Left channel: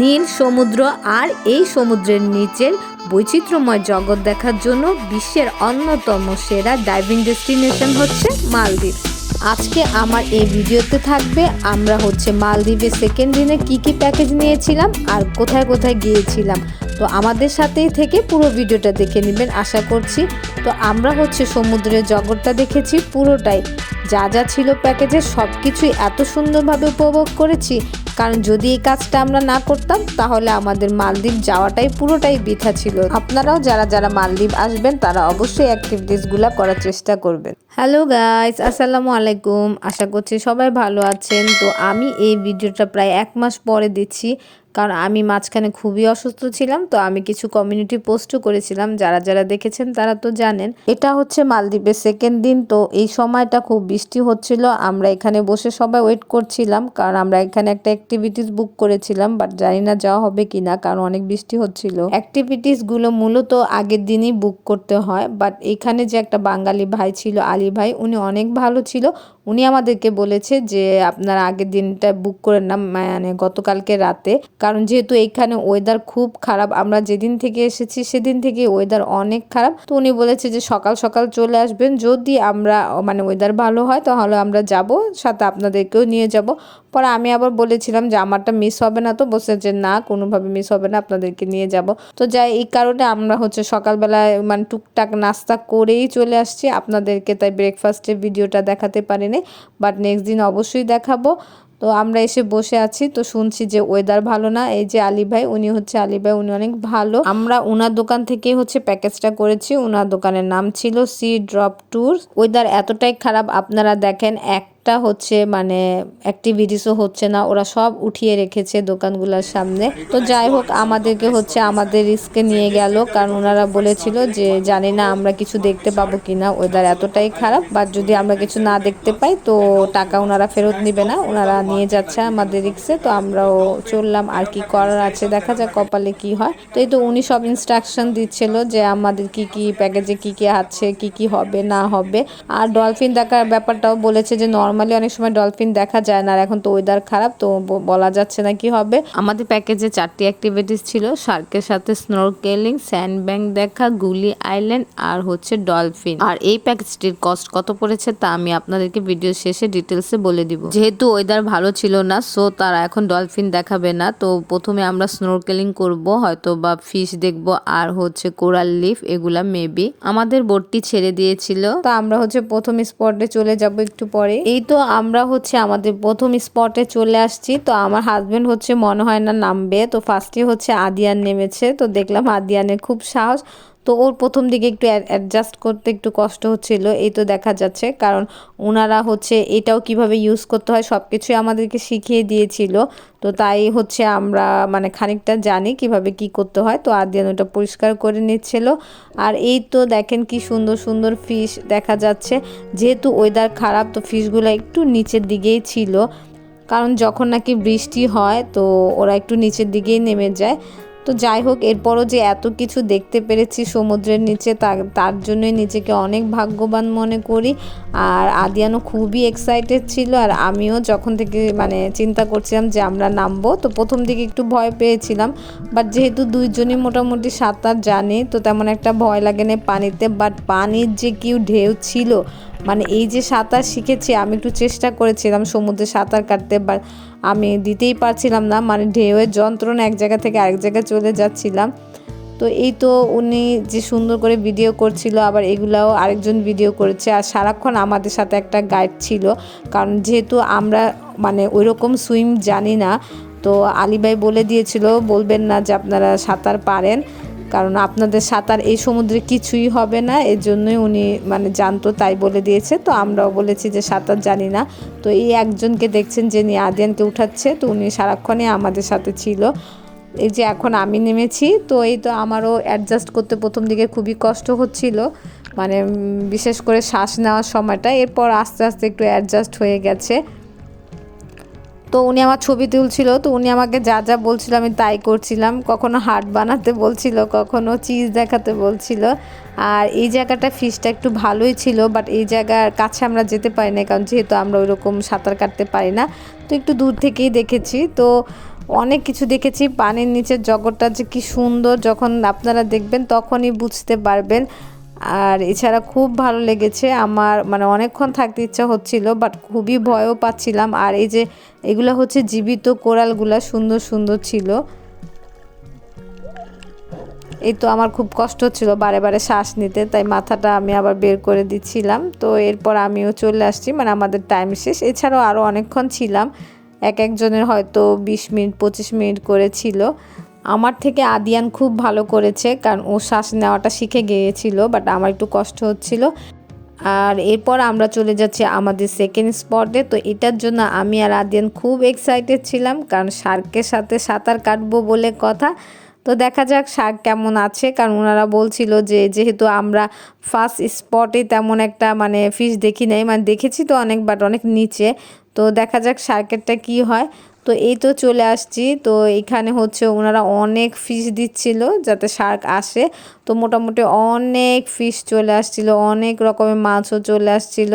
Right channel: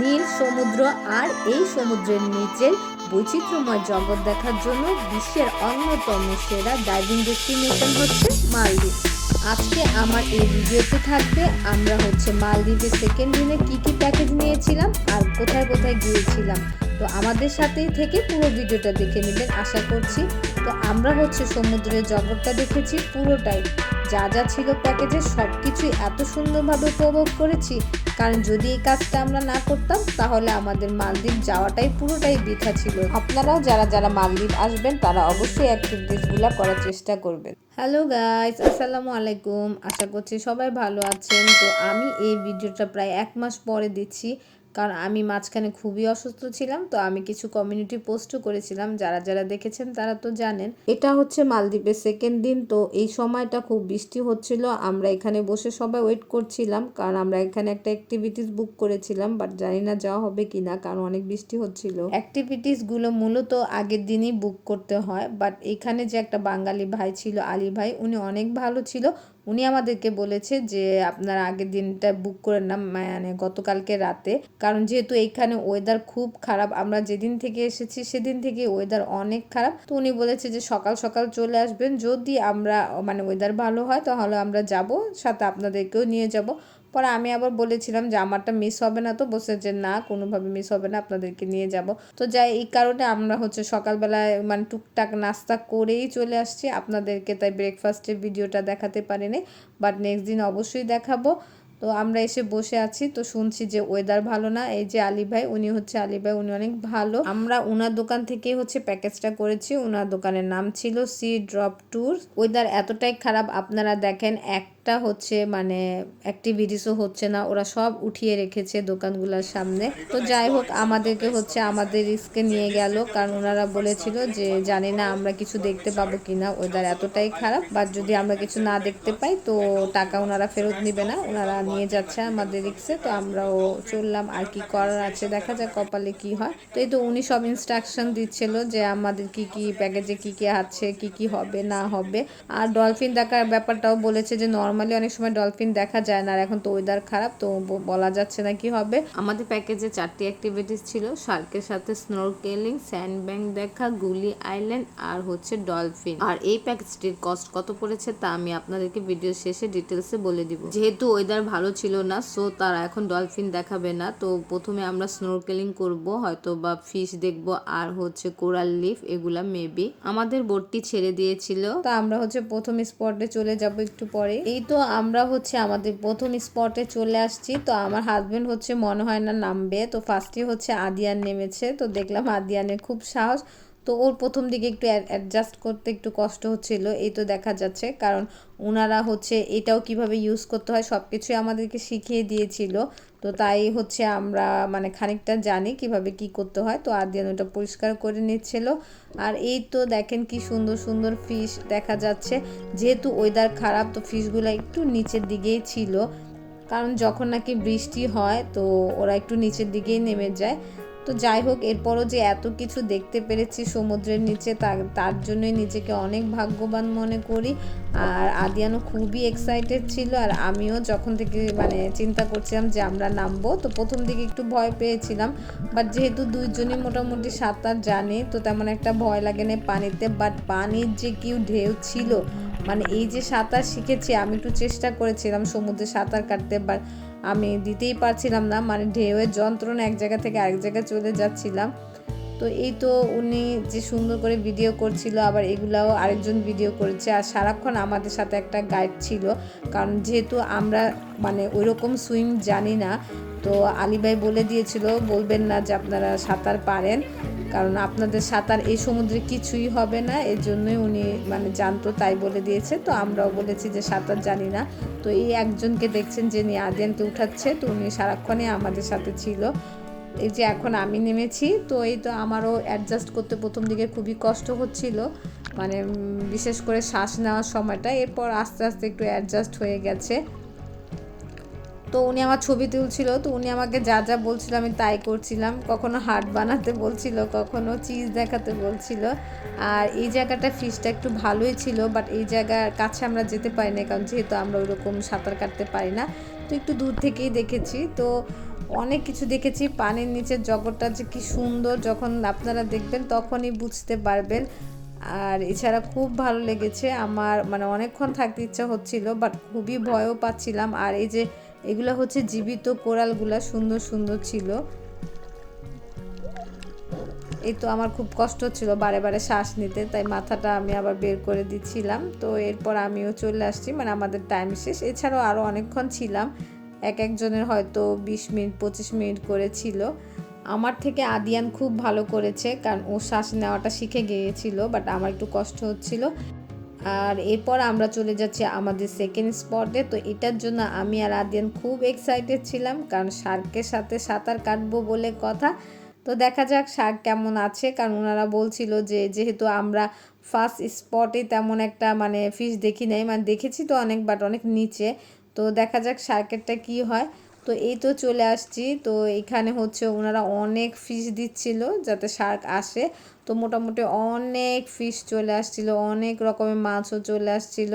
নীল সমুদ্র আর এই সমুদ্রের নিচের বৈচিত্র্যময় জগৎ দেখার জন্য বিশ্বের অন্যতম সেরা ডাইভিং ডেস্টিনেশন হচ্ছে মালদ্বীপ। আজকে আমার এই ভিডিওতে থাকবে, আমরা হচ্ছে মালদ্বীপের সেকেন্ড দিনে কী কী প্যাকেজ নিয়েছিলাম আর কোথায় কোথায় গিয়েছিলাম। তো আমাদের সাথেই থেকে পুরো ভিডিওটা দেখে নেবেন, আশা করছি। তো আমরা হচ্ছে সমুদ্রের জগৎটা দেখেছি পুরোটাই। যা যা ছিল প্যাকেজে সব কিছুই এত সুন্দরভাবে উপভোগ করেছি। কারণ যদি এই কাজটা আমরা না করতাম, তাহলে আমাদের মালদ্বীপ যাওয়াটাই পুরোটাই বৃথা ছিল। আপনারাও যারা যারা মালদ্বীপ আসবেন, তারা অবশ্যই অ্যাক্টিভিটিসগুলো করার চেষ্টা করবেন। হ্যালো গাইস আসসালামু আলাইকুম। আশা করছি সবাই ভালো আছেন। তো আমি এই ভিডিওটা প্রায় এক মাস পরে দিচ্ছি। কারণ আমি মাঝখানে খুবই অসুস্থ ছিলাম, তো আমি কিছু কমিউনিটি পোস্টও করেছিলাম, যারা যারা দেখেছেন তারা তো জানেন। এটা হচ্ছে মালদ্বীপের সেকেন্ড দিন, তো এই সময়টা খুব বৃষ্টি হচ্ছিল, আমরা এখানে বসে সবাই ওয়েট করছিলাম, কারণ আমরা এখানে একটা অ্যাক্টিভিটিস বুক করেছিলাম বাট জানি না যাওয়া হবে কি না কারণ অনেক বৃষ্টি হচ্ছিল। অ্যাক্টিভিটিসগুলো মূলত আগের দিনই বুক করতে হয় বাট এখানে যে একটা বাঙালি ভাই ছিল, আলী ভাই, উনি অনেক ভালো ছিল উনি আমাদেরকে বলেছে যে, আপনার আগের দিনটা বুক করে না মানে গতকালকে রাতে। কারণ যেহেতু এইখানে ওয়েদার খুব খারাপ, আমরা যেদিন থেকে এসেছি সেদিন থেকে ওয়েদার অনেক খারাপ। তো উনি বলেছে যে, সকাল সকাল চলে আসবেন। যদি আমরা মানে ওয়েদার ভালো হয়, তাহলে আমরা যাব, সাথে আপনাদেরকেও নিয়ে যাব। পরে আমি আবার বলেছিলাম যে আমারটা মিস হবে না তো বসে যে না, কোনোভাবে মিস হবে না, আপনাদেরকে নিয়ে যাব। তো যাই, এই কারণে আমরা হচ্ছে সকালবেলায় মানে টুকটাক নাস্তা করেই চলে আসছি। আপনাদেরকে তাই ব্রেকফাস্টের ভিডিওটা দেখাতে পারিনি বাট নেক্সট দিন অবশ্যই দেখাবো। তো আমরা এসে বসে আছি, তো শুনছি যে ওয়েদার ভালো না। এই যে আলী ভাই, উনি হচ্ছে আলী ভাই, উনি অনেক ভালো। আমরা ওনার দোকান থেকে হচ্ছে প্যাকেজটা করেছি। ওনার দোকানের নাম ছিল সি ড্রপ ট্যুর ওয়েদার এতটাই খারাপ, আপনারা দেখেন, এক একটা হচ্ছে মানে অ্যাক্টিভিটিসও হচ্ছে না, ওরা সব উঠিয়ে রেখেছে দোকানগুলোর সামনে। তো যাই হোক, আমাদেরকে হচ্ছে আমাদের রিস্কে নিয়ে গেল, কারণ ওনারা বলেছিল যে জানি না আমরা কিছু দেখতে পাবো কি না ওয়েদার এতটাই খারাপ বা যদি আমরা কিছু না দেখতে পাই, তো টাকা ওনারা ফেরত নিবে না, ওনারা নিয়ে যাচ্ছে আমাদের রিক্সে তো আমরাও চললাম, আর কি করার আছে, দেখা যাক কপালে কি হয়। তো এই তো উনি সব ইনস্ট্রাকশন দিচ্ছিল যে আমাদের কি কি প্যাকেজে কি কি আছে, কি কি হবে, না হবে। আর ডলফিন দেখার ব্যাপারটাও বলেছে যে নর্মাল নর্মালি অনেক সময় ডলফিন দেখা যায় না আর এখন তো ওয়েদার খারাপ তো বলা যাচ্ছে না কি হবে। আমাদের প্যাকেজে চারটি অ্যাক্টিভিটিস ছিল শার্কের সাথে স্নোরকেলিং স্যান্ড ব্যাংক দেখা গুলি আইল্যান্ড আর হচ্ছে ডলফিন আর এই প্যাকেজটির কস্ট কত পড়েছে তা আমি আপনাদেরকে ভিডিও শেষে ডিটেলসে বলে দিব। যেহেতু ওয়েদার ভালো ছিল না সো তারা এখন ডলফিন দেখাবে না তো প্রথমে আমরা স্নোরকেলিং করব হয়তো বা ফিশ দেখব আর হচ্ছে কোরাল লিফ এগুলা মেবি আমাদের বোটটি ছেড়ে দিয়েছিল। তো আমরা হচ্ছে প্রথম স্পটে চলে যাব একটু পরে। এই তো আমরা হচ্ছে আমাদের প্রথম স্পটে চলে আসছি। তো আমার হাজব্যান্ড হচ্ছে মনে হয় না নামবে। তো ফার্স্টে হচ্ছে আদিয়ান নেমেছে। তো দেখলাম আদিয়ানের খুব সাহস। তো ওর প্রথম দিকে একটু অ্যাডজাস্ট করতে একটু কষ্ট হচ্ছিল, এই তো দেখা যাচ্ছে। কারণ ওনারা হচ্ছে এটাও কীভাবে ইউজ করতে হয় সব কিছুই আমাদেরকে শিখিয়ে দিয়েছিল। তো তাই হচ্ছে আমরা মানে খানিকটা জানি কীভাবে কি করতে হয়। তো আদিয়ান ওটা পরিষ্কার করে নিচ্ছিল। আর এই তো দেখেন কি সুন্দর সুন্দর ফিশ দেখা যাচ্ছে। যেহেতু ওয়েদার খারাপ, তো ফিশগুলো একটু নিচের দিকেই ছিল। কারণ যখন নাকি বৃষ্টি হয়, তো ওরা একটু নিচের দিকেই নেমে যায়। তো যাই হোক, এরপরও যে এত কিছু দেখতে পেরেছি সমুদ্রের নিচে তার জন্যই নিজেকে অনেক ভাগ্যবান মনে করি। আর আদিয়ানো খুবই এক্সাইটেড ছিল, আর আমিও যখন থেকে মানে চিন্তা করছিলাম যে আমরা নামবো, তো প্রথম দিকে একটু ভয় পেয়েছিলাম। বাট যেহেতু দুইজনই মোটামুটি সাঁতার জানে, তো তেমন একটা ভয় লাগে না পানিতে। বাট পানির যে কেউ ঢেউ ছিল মানে এই যে সাঁতার শিখেছি, আমি একটু চেষ্টা করেছিলাম সমুদ্রে সাঁতার কাটতে। বা আমি দিতেই পারছিলাম না মানে ঢেউয়ের যন্ত্রণা এক জায়গা থেকে আরেক জায়গায় চলে যাচ্ছিলাম। তো এই তো উনি যে সুন্দর করে ভিডিও করছিল, আবার এগুলাও আরেকজন ভিডিও করেছে। আর সারাক্ষণ আমাদের সাথে একটা গাইড ছিল, কারণ যেহেতু আমরা মানে ওই রকম সুইম জানি না, তো আলিবাই বলে দিয়েছিল, বলবেন না যে আপনারা সাঁতার পারেন। কারণ আপনাদের সাঁতার এই সমুদ্রে কিছুই হবে না, এর জন্যই উনি মানে জানতো, তাই বলে দিয়েছে। তো আমরাও বলেছি যে সাঁতার জানি না। তো এই একজনকে দেখছেন যে নিয়ে আদিয়ানকে উঠাচ্ছে, তো উনি সারাক্ষণই আমাদের সাথে ছিল। এই যে এখন আমি নেমেছি, তো এই তো আমারও অ্যাডজাস্ট করতে প্রথম দিকে খুবই কষ্ট হচ্ছিল। মানে বিশেষ করে শ্বাস নেওয়ার সময়টা, এরপর আস্তে আস্তে একটু অ্যাডজাস্ট হয়ে গেছে। তো উনি আমার ছবি তুলছিল, তো উনি আমাকে যা যা বলছিল আমি তাই করছিলাম। কখনো হার্ট বানাতে বলছিল, কখনো চিজ দেখাতে বলছিল। আর এই জায়গাটা ফিশটা একটু ভালোই ছিল বাট এই জায়গার কাছে আমরা যেতে পারি না কারণ যেহেতু আমরা ওই রকম সাঁতার কাটতে পারি না, তো একটু দূর থেকেই দেখেছি। তো অনেক কিছু দেখেছি, পানির নিচের জগৎটা যে কি সুন্দর, যখন আপনারা দেখবেন তখনই বুঝতে পারবেন। আর এছাড়া খুব ভালো লেগেছে আমার মানে অনেকক্ষণ থাকতে ইচ্ছা হচ্ছিল বাট খুবই ভয়ও পাচ্ছিলাম। আর এই যে এগুলো হচ্ছে জীবিত কোরালগুলা সুন্দর সুন্দর ছিল। এই তো আমার খুব কষ্ট হচ্ছিল বারে বারে শ্বাস নিতে, তাই মাথাটা আমি আবার বের করে দিচ্ছিলাম। তো এরপর আমিও চলে আসছি মানে আমাদের টাইম শেষ। এছাড়াও আরও অনেকক্ষণ ছিলাম, এক একজনের হয়তো বিশ মিনিট, পঁচিশ মিনিট করে ছিল। আমার থেকে আদিয়ান খুব ভালো করেছে, কারণ ও শ্বাস নেওয়াটা শিখে গিয়েছিল বাট আমার একটু কষ্ট হচ্ছিল। আর এরপর আমরা চলে যাচ্ছি আমাদের সেকেন্ড স্পটে তো এটার জন্য আমি আর আদিয়ান খুব এক্সাইটেড ছিলাম, কারণ শার্কের সাথে সাঁতার কাটবো বলে কথা। তো দেখা যাক শার্ক কেমন আছে, কারণ ওনারা বলছিল যে যেহেতু আমরা ফার্স্ট স্পটে তেমন একটা মানে ফিশ দেখি নাই মানে দেখেছি তো অনেক বাট অনেক নিচে। তো দেখা যাক শার্কেরটা কি হয়। তো এই তো চলে আসছি। তো এখানে হচ্ছে ওনারা অনেক ফিস দিচ্ছিল যাতে শার্ক আসে। তো মোটামুটি অনেক ফিশ চলে আসছিল, অনেক রকমের মাছও চলে আসছিল।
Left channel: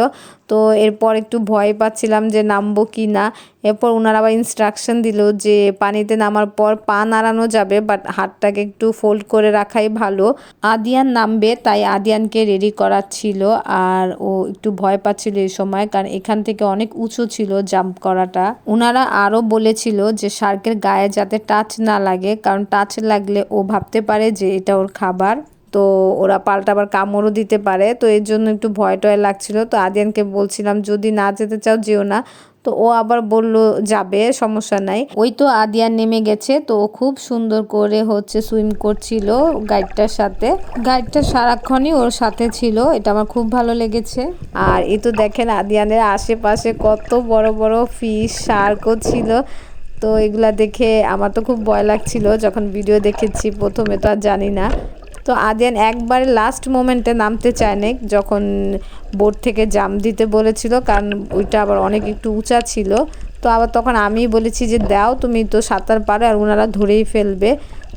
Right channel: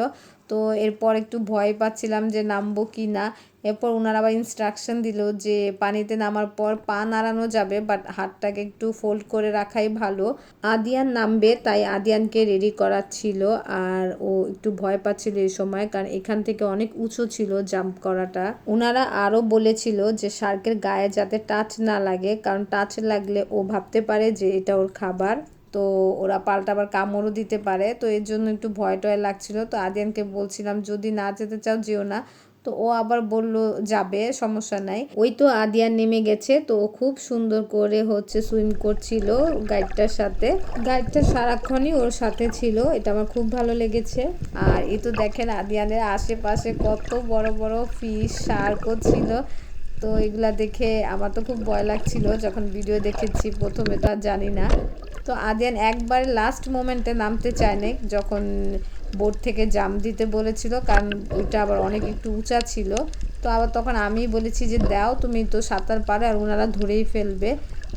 তো এরপর একটু ভয় পাচ্ছিলাম যে নামবো কি না। এরপর ওনারা আবার ইনস্ট্রাকশন দিল যে পানিতে নামার পর পা নাড়ানো যাবে বাট হাতটাকে একটু ফোল্ড করে রাখাই ভালো। আদিয়ান নামবে, তাই আদিয়ানকে রেডি করা ছিল আর ও একটু ভয় পাচ্ছিল এই সময়, কারণ এখান থেকে অনেক উঁচু ছিল জাম্প করাটা। ওনারা আরও বলেছিল যে শার্কের গায়ে যাতে টাচ না লাগে, কারণ টাচ লাগলে ও ভাবতে পারে যে এটা ওর খাবার। তো ওরা পাল্টা আবার কামড়ও দিতে পারে। তো এর জন্য একটু ভয় টয় লাগছিল। তো আদিয়ানকে বলছিলাম, যদি না যেতে চাও যেও না। তো ও আবার বলল, যাবে, সমস্যা নাই। ওই তো আদিয়ান নেমে গেছে। তো ও খুব সুন্দর করে হচ্ছে সুইম করছিল গাইডটার সাথে। গাইডটা সারাক্ষণই ওর সাথে ছিল, এটা আমার খুব ভালো লেগেছে। আর এই তো দেখেন আদিয়ানের আশেপাশে কত বড় বড় ফিশ শার্কও ছিল। তো এগুলা দেখে আমার তো খুব ভয় লাগছিল। যখন ভিডিও দেখেছি, প্রথমে তো আর জানি না। তো আদিয়ান একবার লাস্ট মোমেন্টে নামতে চায় না যখন বোট থেকে জাম দিতে বলেছিল, কারণ ওইটা আবার অনেক একটু উঁচা ছিল। তো আবার তখন আমি বলেছি যে, দাও, তুমি তো সাঁতার পারে আর ওনারা ধরেই ফেলবে।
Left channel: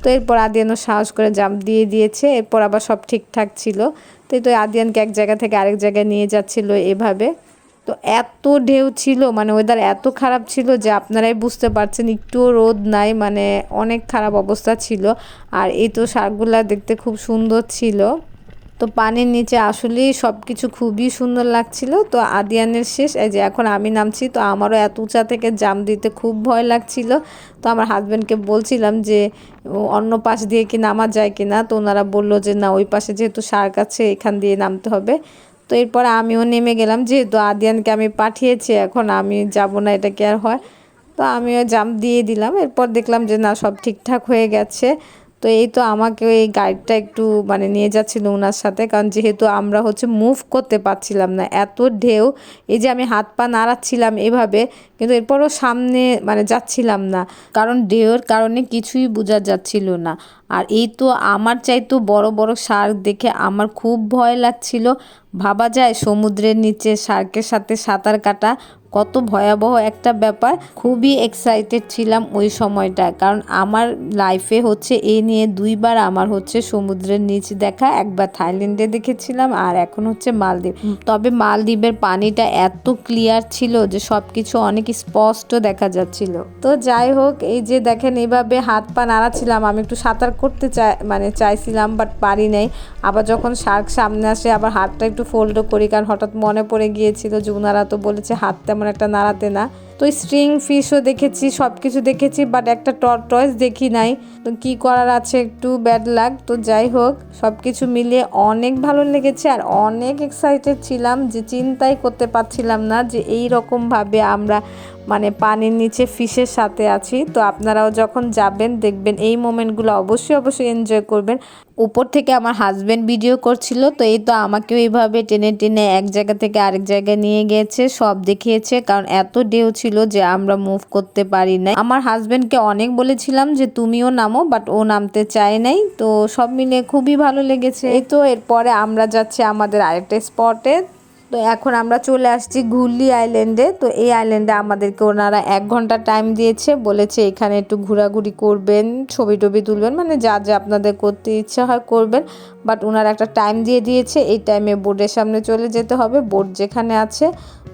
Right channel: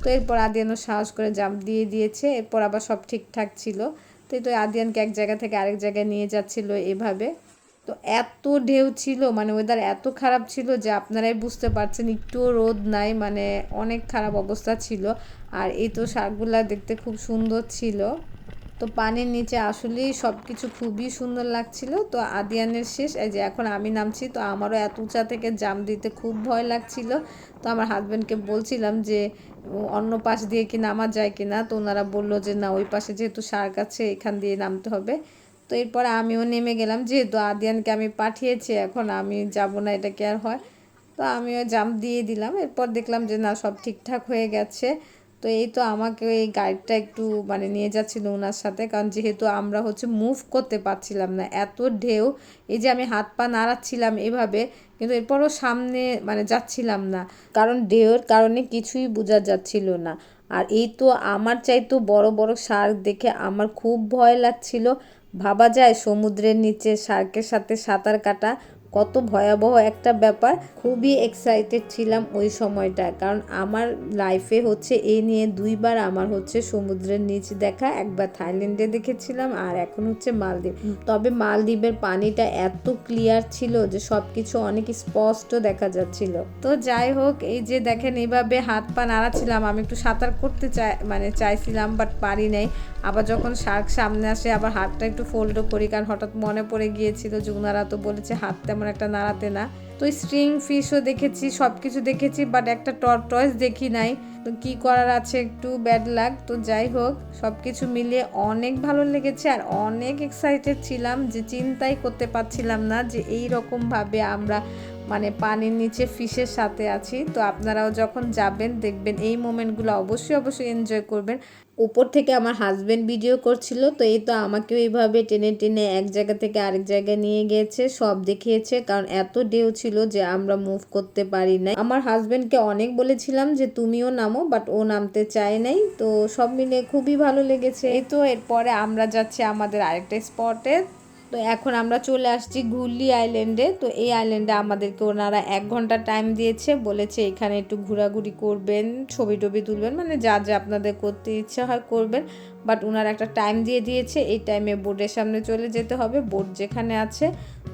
তো এরপর আদিয়ানও সাহস করে জাম্প দিয়ে দিয়েছে, এরপর আবার সব ঠিকঠাক ছিল। তো এই তো আদিয়ানকে এক জায়গা থেকে আরেক জায়গায় নিয়ে যাচ্ছিল এভাবে। তো এত ঢেউ ছিল মানে ওয়েদার এত খারাপ ছিল যে আপনারাই বুঝতে পারছেন একটুও রোদ নাই মানে অনেক খারাপ অবস্থা ছিল। আর এই তো শাকগুলা দেখতে খুব সুন্দর ছিল। তো পানির নিচে আসলেই সব কিছু খুবই সুন্দর লাগছিল। তো আদিয়ানের শেষ, এই যে এখন আমি নামছি, তো আমারও এত উঁচা থেকে জাম দিতে খুব ভয় লাগছিল। তো আমার হাজব্যান্ডকে বলছিলাম যে অন্য পাশ দিয়ে কি নামা যায় কি না তো ওনারা বলল যে, না, ওই পাশে যেহেতু শার্ক আছে, এখান দিয়ে নামতে হবে। তো এরপর আমিও নেমে গেলাম, যেহেতু আদিয়ানকে আমি পাঠিয়েছি, এখন আমি যাব না, এটা কি আর হয়? তো আমিও জাম দিয়ে দিলাম, এরপর দেখলাম যে না, সব ঠিকঠাক হয়ে গেছে। তো এই তো আমাকে এই গাইডটা একটু মানে নিয়ে যাচ্ছিল ওনার সাথে, কারণ যেহেতু আমরা হচ্ছে মুভ করতে পারছিলাম না, এত ঢেউ, এই যে আমি হাত পা নাড়াচ্ছিলাম এভাবে কিন্তু এরপরও সামনে মানে যাচ্ছিলাম না। কারণ ঢেউর কারণে কিছুই বোঝা যাচ্ছিল না। আর এই তো আমার চাইতো বড় বড় শার্ক দেখে আমার খুব ভয় লাগছিল। ভাবা যায় সমুদ্রের নিচে শার্কের সাথে সাঁতার কাটা কত ভয়াবহ একটা ব্যাপার। খুবই এক্সাইটেড ছিলাম ওই সময়টায়। কারণ আমার লাইফে হচ্ছে এ নিয়ে দুইবার আমার হচ্ছে সমুদ্রের নিচ দেখা। একবার থাইল্যান্ডে দেখেছিলাম আর এখন হচ্ছে মালদ্বীপ। তবে মালদ্বীপের পানিটা এত ক্লিয়ার ছিল যে সব কিছু অনেক স্পষ্ট দেখা যাচ্ছিল। তো যাই হোক, এই যে দেখেন এইভাবে হাত পা নাড়াচ্ছিলাম। আমি একটু সাঁতার করতে চাই মানে চাইছিলাম বাট পারি নাই। আবার যখন শার্ক সামনে আসে, আবার হাতটা একটু ফোল্ডও করি, কারণ হঠাৎ মনে পড়ে গিয়েছিল জুনারা তো বলেছে হাত তেমন একটা নাড়াতে না। তো স্ট্রিং ফিশও দেখেছি সব কিছু দেখেছি বাট একটা টর্টয়েস দেখি নাই। তো কি করার আছে একটু ব্যাড লাগ তো যাই হোক সব কিছু মিলিয়ে অনেক ভালো লেগেছে আর অনেক এক্সাইটেড ছিলাম যে চিন্তাই করতে পারছিলাম না যে এই রকমভাবে আমরা মানে পানির নিচে ফিশের সাথে আছি। তো আপনারাও যখন যাবেন, দেখবেন এই মোমেন্টগুলো অবশ্যই অবশ্যই এনজয় করবেন। উপর থেকে আমার হাজব্যান্ড ভিডিও করছিল, তো এই তো আমাকেও এইভাবে টেনে টেনে এক জায়গা থেকে আরেক জায়গায় নিয়ে গিয়েছে সব দেখিয়েছে। কারণ এত ঢেউ ছিল যে আমরা মুভ করতে পারি নাই। আমার হাজব্যান্ডকে অনেক বলেছিলাম যে, তুমিও নামো বাট ও নামতে চায় নাই। তো সব মিলে খুবই ভালো লেগেছে। এই তো এরপরে আমরা যাচ্ছি আমাদের আরেকটা স্পটে তো এখন আমরা চলে আসছি ঘুরলি আইল্যান্ডে। তো এই আইল্যান্ডে আমাদেরকে ওনারা এক ঘণ্টা টাইম দিয়েছে, বলেছে এখানে একটু ঘোরাঘুরি করবেন ছবি টবি তুলবেন মানে যা যা আপনাদের করতে ইচ্ছা হয় করবেন। বাট ওনারা একটা টাইম দিয়ে দিয়েছে, এই টাইমে বোর্ডের সামনে চলে যেতে হবে বোর্ড যেখানে আছে।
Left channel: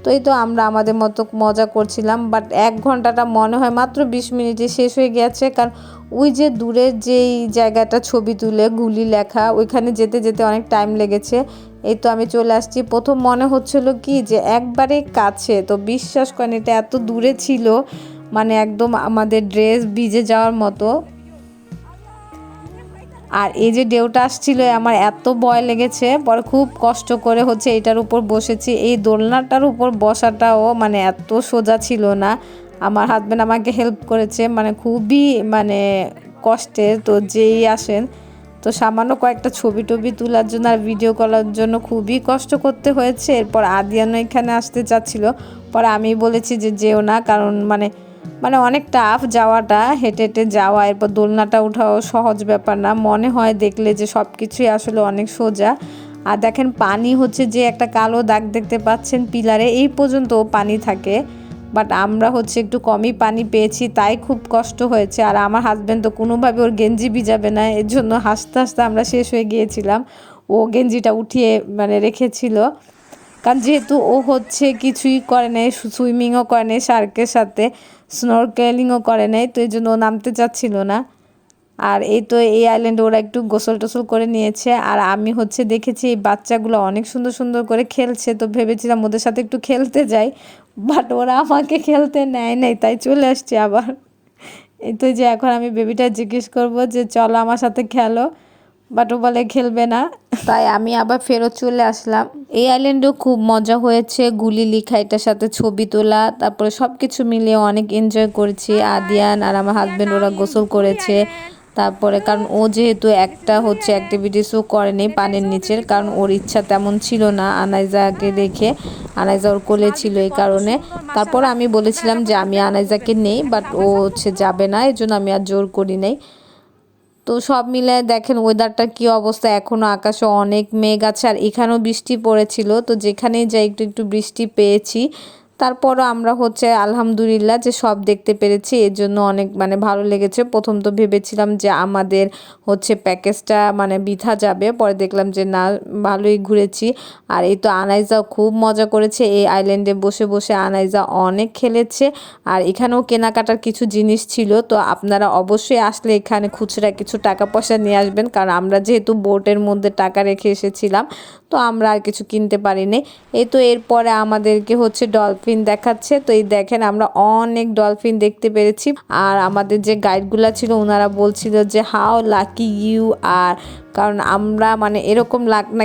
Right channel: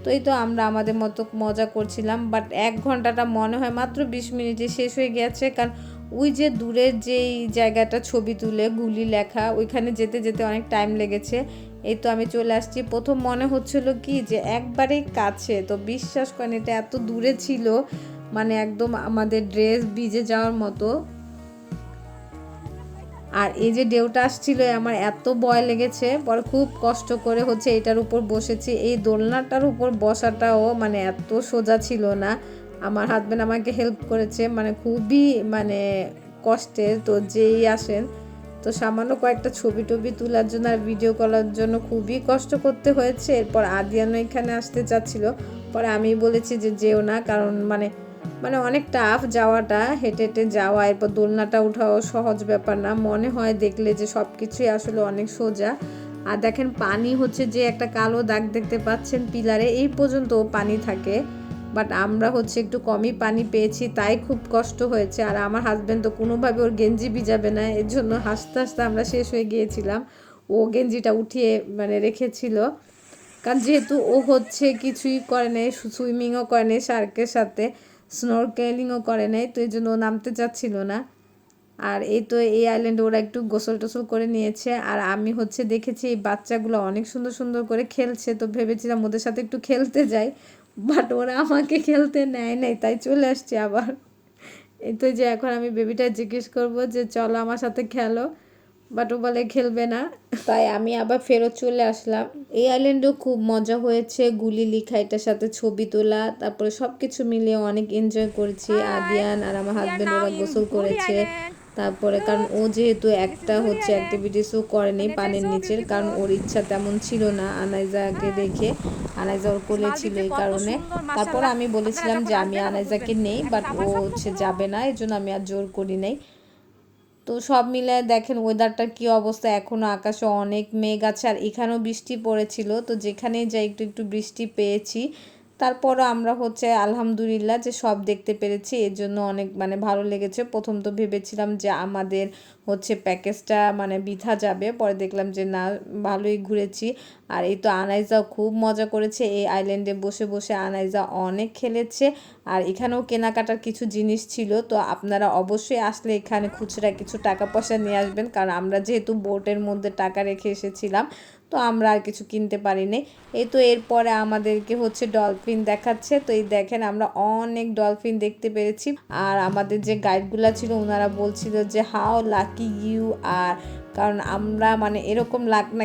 তো এই তো আমরা আমাদের মতো মজা করছিলাম, বাট এক ঘন্টাটা মনে হয় মাত্র বিশ মিনিটে শেষ হয়ে গেছে। কারণ ওই যে দূরের যেই জায়গাটা ছবি তুলে, গুলি লেখা, ওইখানে যেতে যেতে অনেক টাইম লেগেছে। এই তো আমি চলে আসছি। প্রথম মনে হচ্ছিল কি যে একবারে কাছে, তো বিশ্বাস করেন এটা এত দূরে ছিল মানে একদম আমাদের ড্রেস ভিজে যাওয়ার মতো। আর এই যে ডেউটা আসছিল আমার এত ভয় লেগেছে, পরে খুব কষ্ট করে হচ্ছে এটার উপর বসেছি। এই দোলনাটার উপর বসাটাও মানে এত সোজা ছিল না। আমার হাজব্যান্ড আমাকে হেল্প করেছে মানে খুবই মানে কষ্টের তো যেই আসেন তো সামান্য কয়েকটা ছবি টবি তোলার জন্য আর ভিডিও করার জন্য খুবই কষ্ট করতে হয়েছে। এরপর আদিয়ানো এখানে আসতে চাচ্ছিল। পরে আমি বলেছি যে যেও না, কারণ মানে মানে অনেক টাফ যাওয়াটা, হেঁটে হেঁটে যাওয়া, এরপর দোলনাটা উঠাও সহজ ব্যাপার না। মনে হয় দেখলে যে সব কিছুই আসলে অনেক সোজা। আর দেখেন পানি হচ্ছে যে একটা কালো দাগ দেখতে পাচ্ছেন, পিলারে, এই পর্যন্ত পানি থাকে। বাট আমরা হচ্ছে একটু কমই পানি পেয়েছি, তাই খুব কষ্ট হয়েছে। আর আমার হাজব্যান্ড তো কোনোভাবে ওর গেঞ্জি ভিজাবে না এর জন্য হাসতে হাসতে আমরা শেষ হয়ে গিয়েছিলাম। ও গেঞ্জিটা উঠিয়ে মানে রেখেছিল। কারণ যেহেতু ও হচ্ছে কিছুই করে নাই সুইমিংও করে নাই শার্কের সাথে স্নরকেলিংও করে নাই, তো এই জন্য ও নামতে চাচ্ছিল না। আর এই তো এই আইল্যান্ডে ওরা একটু গোসল টোসল করে নিয়েছে। আর আমি হচ্ছে দেখেছি এই বাচ্চাগুলো অনেক সুন্দর সুন্দর করে খেলছে, তো ভেবেছিলাম ওদের সাথে একটু খেলতে যাই। বাট ওরা আমাকে খেলতে নেয় নাই তাই চলে আসছে আবার। এই তো যে এখন আমি বেবিটা জিজ্ঞেস করব যে চলো আমার সাথে খেলো। বাট ও বলে খেলবে না। তাই আমি আবার ফেরত চলে আসলাম। এই আইল্যান্ডেও খুব মজা হয়েছে গুলি লিখা এটার সাথে ছবি তোলা তারপরে সব কিছু মিলিয়ে অনেক এনজয় করেছি। আদিয়ান আর আমার হাজব্যান্ড ওরা গোসল করেছে। তারপরে কারণ ও যেহেতু একটা হচ্ছে অ্যাক্টিভিটিসও করেনি পানির নিচের, কারণ ওর ইচ্ছা তেমন ছিল না আনাইজাকে দেখে। আনাইজা ওর কোলে ছিল এই কারণে। তারপর আমি বলেছিলাম যে আমি আনাইজাকে নেই বাট ও হচ্ছে যাবে না এই জন্য আমি আর জোর করি নাই। তো সব মিলে দেখেন ওয়েদারটার কি অবস্থা এখনও আকাশে অনেক মেঘ আছে, আর এখানেও বৃষ্টি পড়েছিল। তো যেখানেই যাই একটু একটু বৃষ্টি পেয়েছি। তারপরও আমরা হচ্ছে আলহামদুলিল্লাহ যে সব দেখতে পেরেছি, এর জন্য অনেক মানে ভালো লেগেছে। প্রথম তো ভেবেছিলাম যে আমাদের হচ্ছে প্যাকেজটা মানে বিথা যাবে, পরে দেখলাম যে না, ভালোই ঘুরেছি। আর এই তো আনাইজা খুব মজা করেছে, এই আইল্যান্ডে বসে বসে আনাইজা অনেক খেলেছে। আর এখানেও কেনাকাটার কিছু জিনিস ছিল, তো আপনারা অবশ্যই আসলে এখানে খুচরা কিছু টাকা পয়সা নিয়ে আসবেন, কারণ আমরা যেহেতু বোটের মধ্যে টাকা রেখে এসেছিলাম তো আমরা আর কিছু কিনতে পারিনি এই তো এরপরে আমাদেরকে হচ্ছে ডলফিন দেখাচ্ছে। তো এই দেখেন আমরা অনেক ডলফিন দেখতে পেরেছি। আর আমাদের যে গাইডগুলো ছিল ওনারা বলছিল যে হাও লাকি ইউ আর কারণ আমরা মানে এরকম লাগ না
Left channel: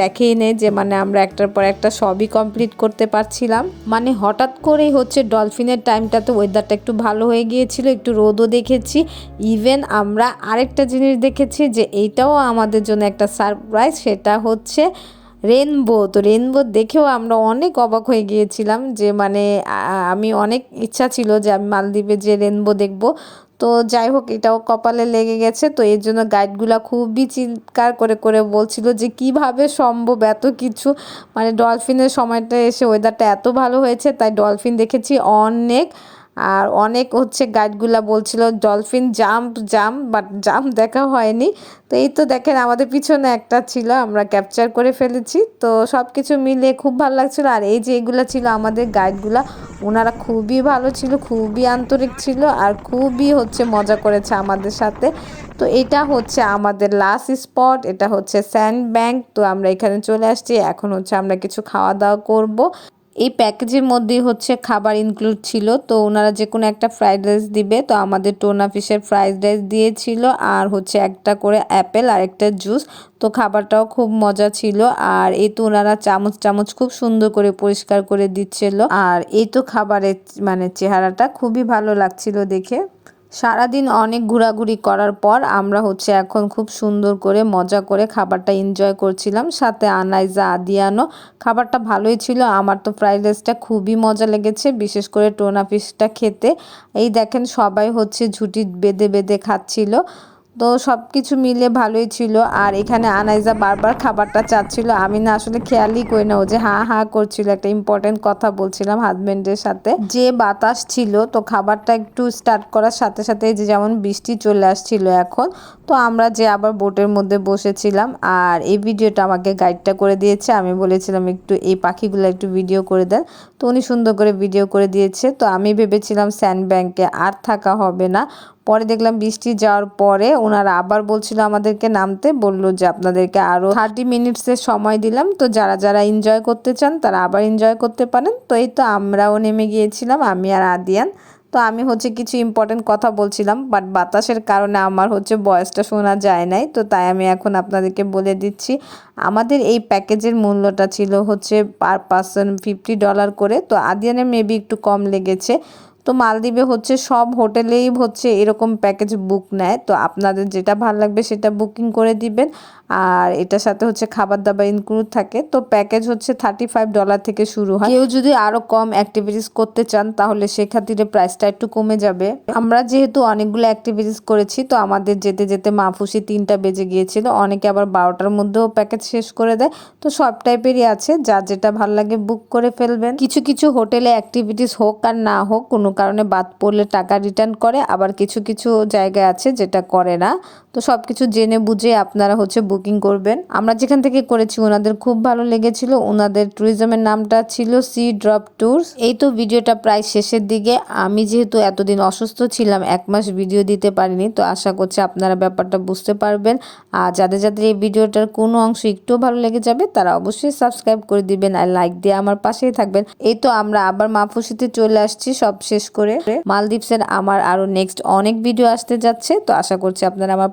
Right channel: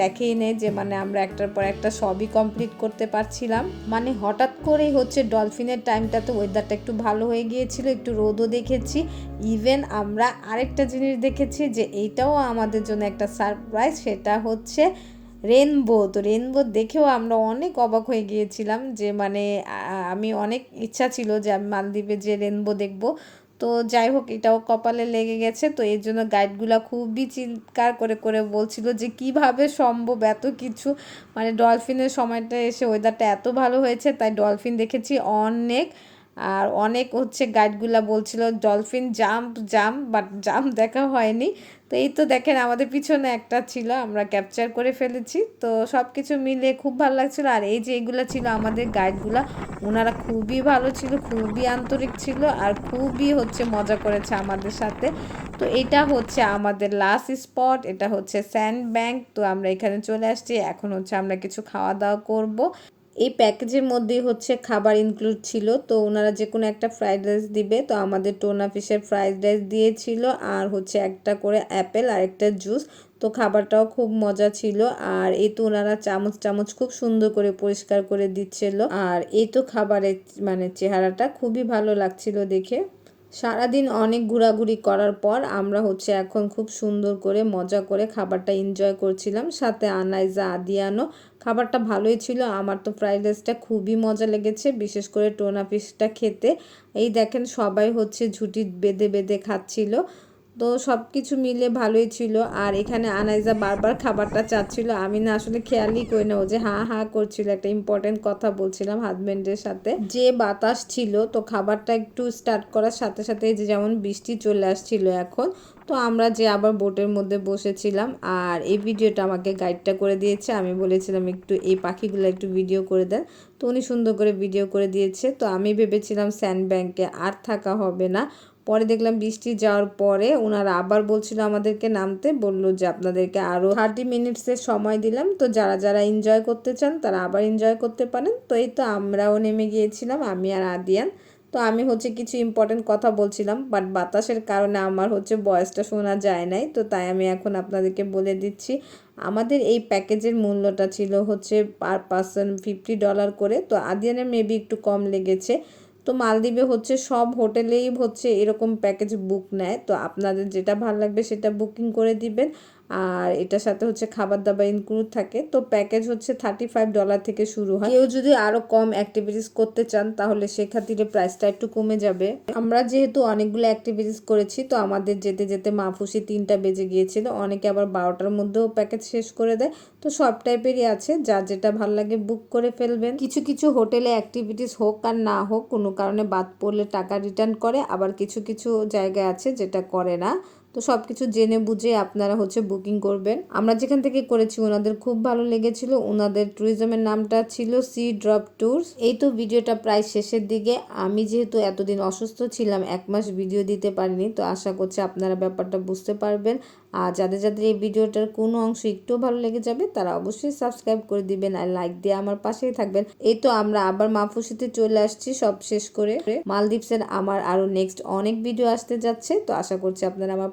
দেখেই নেই যে মানে আমরা একটার পর একটা সবই কমপ্লিট করতে পারছিলাম। মানে হঠাৎ করেই হচ্ছে ডলফিনের টাইমটাতে ওয়েদারটা একটু ভালো হয়ে গিয়েছিল, একটু রোদও দেখেছি। ইভেন আমরা আরেকটা জিনিস দেখেছি যে এইটাও আমাদের জন্য একটা সারপ্রাইজ সেটা হচ্ছে রেনবো তো রেনবো দেখেও আমরা অনেক অবাক হয়ে গিয়েছিলাম যে মানে আমি অনেক ইচ্ছা ছিল যে আমি মালদ্বীপে যে রেনবো দেখব। তো যাই হোক, এটাও কপালে লেগে গেছে। তো এর জন্য গাইডগুলো খুবই চিৎকার করে করে বলছিল যে, কীভাবে সম্ভব এত কিছু? মানে ডলফিনের সময়টা এসে ওয়েদারটা এত ভালো হয়েছে, তাই ডলফিন দেখেছি অনেক। আর অনেক হচ্ছে গাইডগুলা বলছিল dolphin jump jump but jump দেখা হয়নি। তো এই তো দেখেন আমাদের পিছনে একটা ছিল, আমরা ক্যাপচার করে ফেলেছি। তো সব কিছু মিলে খুব ভালো লাগছিল। আর এই যে এগুলো ছিল আমাদের গাইডগুলা ওনারা খুবই ভালো ছিল, খুবই আন্তরিক ছিল আর খুবই হচ্ছে মজা করেছে আমাদের সাথে। তো এটা হচ্ছে আমাদের লাস্ট স্পট এটা হচ্ছে স্যান্ড ব্যাংক তো আমরা এখানে চলে আসছি, এখন হচ্ছে আমরা কিছু খাওয়া দাওয়া করব। এই প্যাকেজের মধ্যেই হচ্ছে খাবার ইনক্লুড ছিল। তো ওনারা যে কোনো একটা ফ্রাইড রাইস দিবে। তো আমাদের টোনা ফিশের ফ্রাইড রাইস দিয়েছিল আর হচ্ছে একটা করে অ্যাপেল আর একটা জুস তো খাবারটাও খুব মজা ছিল। আর এই তো ওনারা চামচ চামচ খুব সুন্দর করে পরিষ্কার করে দিচ্ছিল। আর এই তো খাবারের মানে চেহারাটা খুবই ভালো লাগছিল দেখে। সারাদিন অনেক ঘোরাঘুরি করার পর আমরা হচ্ছে এখন খুব সুন্দর করে মজা করে খাবারটা এনজয় করছিলাম। সাথে আনাইজা আদিয়ানো খাবারটা ভালোই ছিল। আমার তো ফ্রাইড রাইসটা খুবই মজা লেগেছে, বিশেষ করে টোনা ফিশটা খেতে। এই দেখেন সবাই হচ্ছে ঝুটি বেঁধে বেঁধে খাচ্ছিল। তো সব কিছু মিলে ভালোই ছিল। আর এখানে আনাইজা বারবার খাবারটা চাচ্ছিল। আমি না আসলে খেয়ালই করি না। ও যে হা হা করছিল, একটা ইম্পর্টেন্ট কথা বলছিলাম হাজবেন্ডের সাথে। যে বাতাস ছিল, তো খাবারটা একটু স্টার্ট করার সাথে সাথে যে যেমন বৃষ্টি চলে আসছিল এখন, তো আমরা যে আবার বোটের মধ্যে বসেছিলাম, আর এই ভিডিওটা আমাকে গাইডটা করে দিয়েছে। আমি বলেছিলাম একটু এই পাখিগুলো একটু ভিডিও করে দেন। তো উনি সুন্দর করে ভিডিও করে দিয়েছে। তো আমি ভেবেছিলাম স্যান্ড ব্যাংকে আর থাকা হবে না। পরে দেখলাম বৃষ্টি যাওয়ার পরে ওনারা আবার বলছিল আমাদেরকে নামতে, বলল যে আপনাদেরকে আরও থার্টি মিনিটসের সময় দিলাম। তো যারা যারা এনজয় করতে চান তারা আবার এনজয় করতে পারেন। তো এই তো আমরাও নেমে গিয়েছিলাম, আমি আর আদিয়ান। তো আমি হচ্ছে কিছু ইম্পর্টেন্ট কথা বলছিলাম বাট বাতাসের কারণে আমার হচ্ছে বয়সটা শোনা যায় নাই। তো তাই আমি এখন আপনাদেরকে বলে দিচ্ছি, আমাদের এই প্যাকেজের মূল্যটা ছিল হচ্ছে পার পার্সন ফিফটি ডলার করে। তো আদিয়ানের মেবি একটু কম লেগেছে। তো মালদ্বীপে হচ্ছে সব হোটেলেই হচ্ছে এরকম প্যাকেজ বুক নেয়। তো আপনাদের যেটা ভালো লাগবে সেটা বুকিং করে দিবেন। আর এটার সাথে হচ্ছে খাবার দাবার ইনক্লুড থাকে। তো প্যাকেজ হচ্ছে থার্টি ফাইভ ডলার থেকে শুরু হয়। কেউ যদি আরও কম অ্যাক্টিভিটিস করতে চান, তাহলে সেক্ষেত্রে প্রাইসটা একটু কমে যাবে। আমরা যেহেতু অনেকগুলো অ্যাক্টিভিটিস করেছি, তো আমাদের যেতে যেতে মাফুসি তিনটা বেজে গিয়েছিল। অনেকে আবার বারোটার মধ্যেও প্যাকেজ শেষ করে দেয়। তো সব টাইপেরই আছে। যা যেটা ভালো লাগে বুক করে ফেলবেন। কিছু কিছু হোটেলে অ্যাক্টিভিটিস হোক আর না হোক, কোনো কারণে বাদ পড়লে টাকা রিটার্ন করে আবার কিছু কিছু জায়গায় আছে যেটা করে না। তো সব কিছু জেনে বুঝে আপনারা হচ্ছে বুকিং করবেন। আমরা যেখান থেকে করেছি ওনাদের খুব ভালো লেগেছিল। ওনাদের ট্যুরিজমের নামটা ছিল সি ড্রপ ট্যুরস এই তো ভিডিওটা প্রায় শেষের দিকে। আমি যেহেতু এতদিন অসুস্থ ছিলাম, এক মাস ভিডিও দিতে পারিনি, তো আশা করছি আপনারা ব্যাপারটা বুঝতে পারবেন। আর যাদের যাদের এই ভিডিওটার কোনো অংশ একটু ভালো লেগে যাবে, তারা অবশ্যই সাবস্ক্রাইব করে দিবেন আর লাইক দিয়ে আমার পাশেই থাকবেন। এই তো আমরা আবার মাফুসিতে চলে আসছি সব শেষ করে। মালদ্বীপসের আমার আরও নেক্সট অনেক ভিডিও আসতে যাচ্ছে, তো আশা করছি আপনারা আমার